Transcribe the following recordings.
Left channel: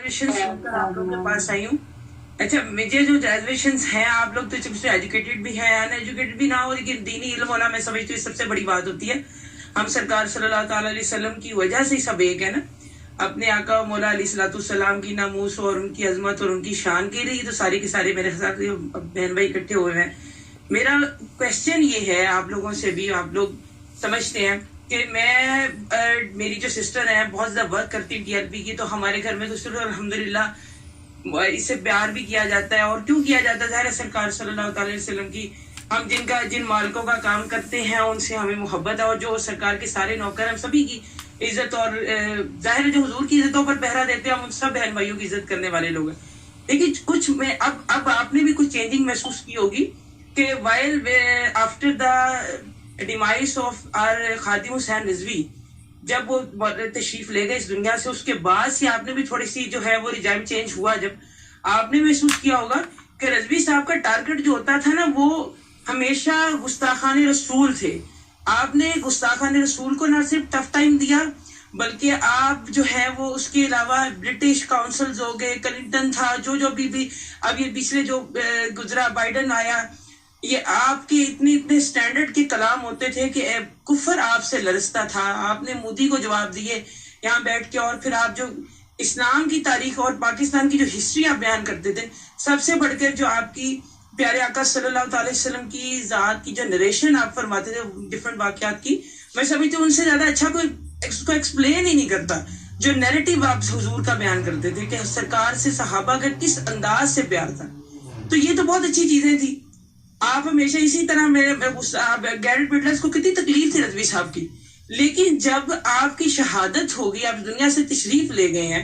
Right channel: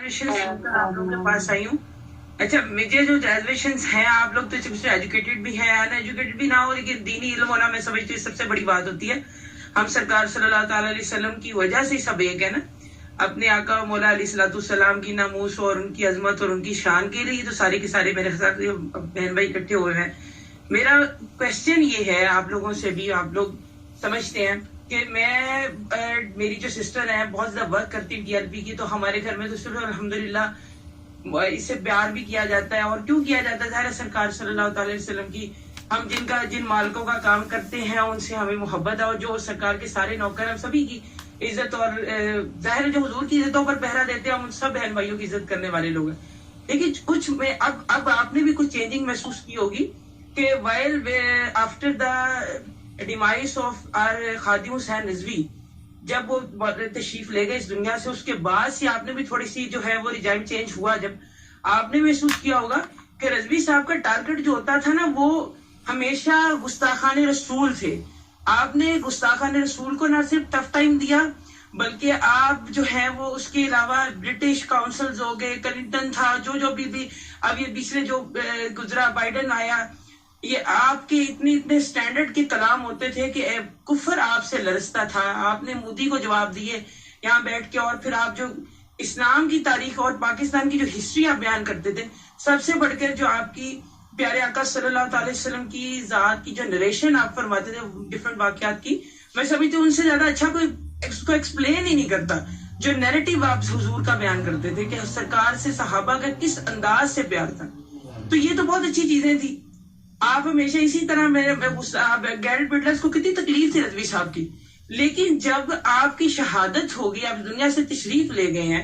आप लोगों के पास आई हूँ। अच्छा, मुझे जो ग्रेजुएशन हैं, आप लोग तो एजुकेटेड भी हैं, अनएजुकेटेड भी ना हो, लेकिन दीनी इल्म होना मैं समझती हूँ सबसे बड़ी बात होती है। हम सरकार सल्लल्लाहु अलैहि वसल्लम की वजह से सब एक है ना, अपने आका मौला अलैहिस्सलाम की नामूस और उनकी अजमत और उनकी शान के लिए तो सारे के सारे मेरे साथ बहन भाई इकट्ठे हुए हैं। मेरा क्वेश्चन ये है, आप लोगों से भी, आप लोग समझते हैं कि मेरी जो सिस्टर है बहुत ज्यादा वर्क करती है टीएलपी की, तो हमारे घर में तो सिर्फ अल्हम्दुलिल्लाह इससे प्यार भी किया जाता है। और क्यों किया जाता है? सरकार सल्लल्लाहु अलैहि वसल्लम की, हम जिन मालिकों का काम करते हैं उनसे हमें मोहब्बत है, और जो सरकार के सारे नौकर हैं सभी की इज्जत, और जाहिर जो हुजूर की इज्जतों पर पहरा देते हैं, हम उन सब बहन भाइयों की इज्जत करने वाले लोग हैं। लेकिन कुछ में अब आपने भी कुछ चेंजिंग महसूस की होगी कि while after the demise of R Khadim Hussain Rizvi, जब वो तशरीफ ले गए इस दुनिया से, उसके बाद से आपने भी थोड़ी सी जो है वो रिजाइन चेंज हुआ। जब आपने महसूस किया होगा कि रिजवी साहब का टारगेट जो होता था ना, वो हमेशा गुस्ताखान रसूल थे। आपने गुस्ताखान रसूल को ना सिर्फ टफ टाइम दिया, बल्कि आप जो है वो उसके अलावा ब्रिटिश काउंसिल्स हो गए, क्लिंटन था, जो अभी अब ये पिछले जो गुजरा बाइडन आया, ये आपके इतने स्टैंडर्ड के कलाम होते थे कि कुफर आपसे लरसता था। आपने मोदी को जवाब दिए यहाँ बैठ के, और फिर आप जो इस्लाम की तारीख और पाकिस्तान की जो हिस्ट्री आप बयान करते थे, सबसे बढ़कर जो आपकी प्यारे आका सल्लल्लाहु अलैहि वसल्लम की जात की जो नरेशन आप फरमाते थे डिफरेंट वाकयात की, मैं समझती हूँ उनसे ज्यादा अच्छा कोई इसको एक्सप्लेन ही नहीं करता। जो नैरेटिव आप हुजूर का बयान करते थे कि सरकार से सहाबा का किस अंदाज से प्यार था, तो ये तो बहुत अच्छी चीजें थी। आप हमेशा इसी तरह गैरेट बिटलर्स को कितनी तकलीफ थी रजवी साहब की, लेकिन जब आपकी शहादत हो गई, आप दुनिया से तशरीफ ले गए हैं,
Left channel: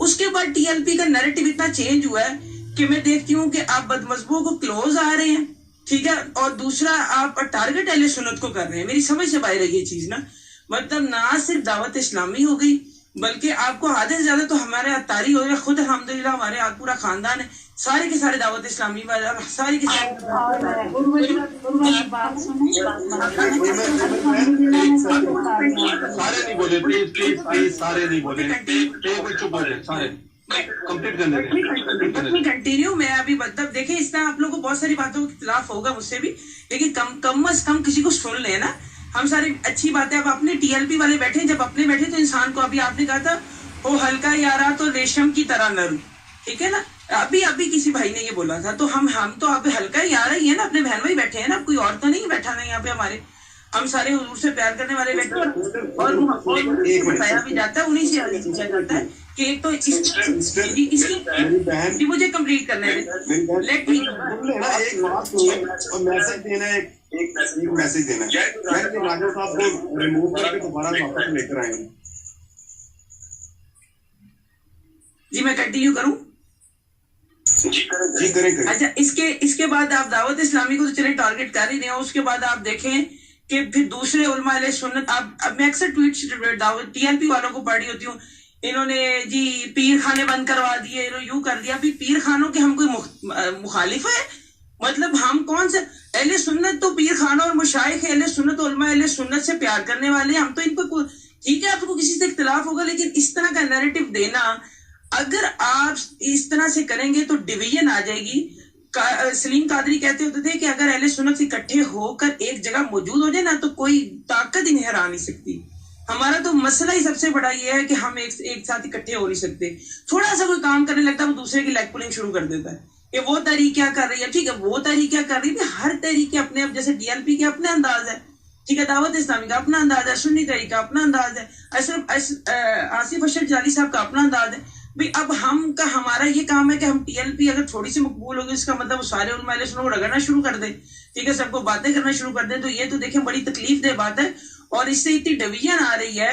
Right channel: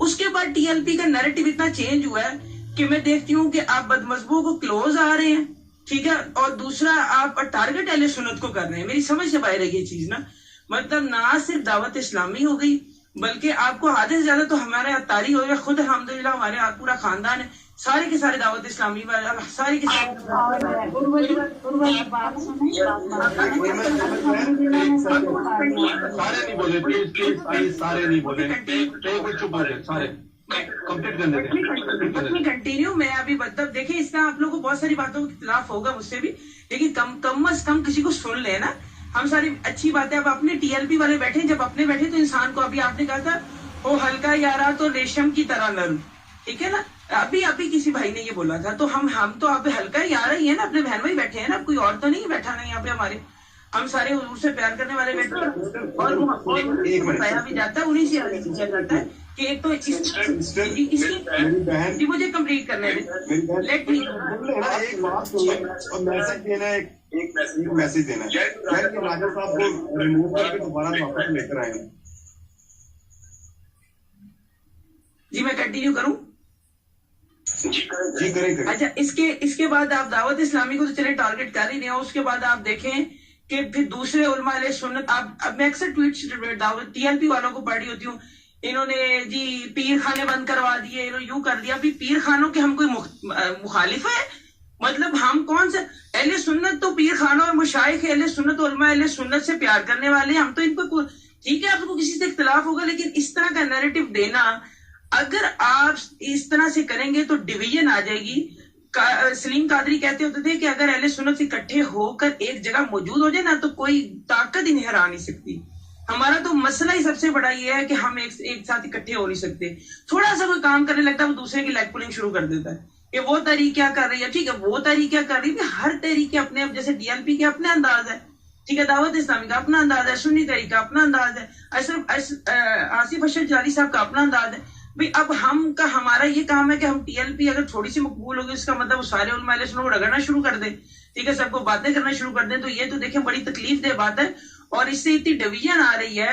उसके बाद टीएलपी का नैरेटिव इतना चेंज हुआ है कि मैं देखती हूँ कि आप बदमज़हबों को क्लोज आ रहे हैं, ठीक है, और दूसरा आप टारगेट अहले सुन्नत को कर रहे हैं। मेरी समझ से बाहर है ये चीज ना, मतलब ना सिर्फ दावत इस्लामी हो गई, बल्कि आपको आधे से ज्यादा तो हमारे अतारी हो गया। खुद अल्हम्दुलिल्लाह हमारे यहाँ पूरा खानदान है, सारे के सारे दावत इस्लामी वाले, सारे के सारे नहीं बोले, प्लीज सारे नहीं बोले, चुप हो सारे कंप्लीट करने कंटिन्यू। मैं अभी मतलब देखिए, इस तरह आप लोगों को बहुत सारी बातों के खिलाफ होगा मुझसे भी, लेकिन कम से कम किसी को सुन लेना। हम सारी अच्छी बातें, अब अपने टीएलपी वाले बैठे, जब अपने बैठे तो इंसान को, अभी आपने कहा था वो हल्का यारा तो रेशम की तरह नरम, ठीक है ना, अभी किसी भाई ने ये बोला था, तो हम तो अब हल्का यारा ही है ना, अपने बहन भाई बैठे हैं ना, कोई और तो नहीं बैठा ना यहाँ पे हमारे, हम सारे हुजूर से प्यार करने वाले बैठे हैं, और बताया भी जाता है, उन्हीं से पूछा जाता है कि एक तो इसकी मुझे कंप्लीट करने दें, लेट मी एक मैसेज देना है राजा साहब को रिमूव करके दोबारा वापस लेकर आएंगे। जी मैं कंटिन्यू करूं? जी करें। अच्छा, इसके बाद आप दावत इस्लामी को तो चले टारगेट कर ही नहीं हो, उसके बाद आप देखें कि फिर दूसरे उलमा अहले सुन्नत, अब मैं अक्सर ट्वीट दावत टीएलपी वालों को पढ़ी होती हूँ, इन्होंने जी पीर खाने बंद करवा दिए, इन्होंने यूं कर दिया। अभी पीर खानों के हम कोई मुखालिफ है? मतलब हम कौन से अहले सुन्नत, तो पीर खाना और मुशाइख अहले सुन्नत, उलमा अहले सुन्नत से प्यार करने वाले, हम तो इनको, ठीक है आपको किसी से इख्तिलाफ होगा, लेकिन इस तरह का नैरेटिव देना, अगर आप इस तरह से करेंगे तो डिवीजन आ जाएगी। सलीम कादरी कहते होते थे कि अगर अहले सुन्नत इकट्ठे होकर एक जगह मौजूद हो जाए ना, तो कोई ताकत इन्हें हरा नहीं सकती। हमारा तो मसला ही सबसे बड़ा ये है कि हम एक साथ इकट्ठे हो नहीं सकते। थोड़ा सा कोई काम करने लगता है, वो दूसरे की लेग पुलिंग शुरू कर देता है कि वो तहरीक क्या कर रही है, ठीक है वो तहरीक क्या कर रही है, हर तहरीक के अपने, जैसे टीएलपी के अपने अंदाज है, ठीक है, दावत इस्लामी का अपना अंदाज है, सुन्नी तहरीक का अपना अंदाज है, आसिफ अशरफ जाली साहब का अपना अंदाज है। भाई अब हमारा ये काम है कि हम टीएलपी अगर थोड़ी सी मकबूल होगी, इसका मतलब सारे उलमा अहले सुन्नत को रगड़ना शुरू कर दे, ठीक है, सबको बातें करना शुरू कर दे, तो ये तो देखें बड़ी तकलीफ दे बात है, और इससे इतनी डिवीजन आ रही है।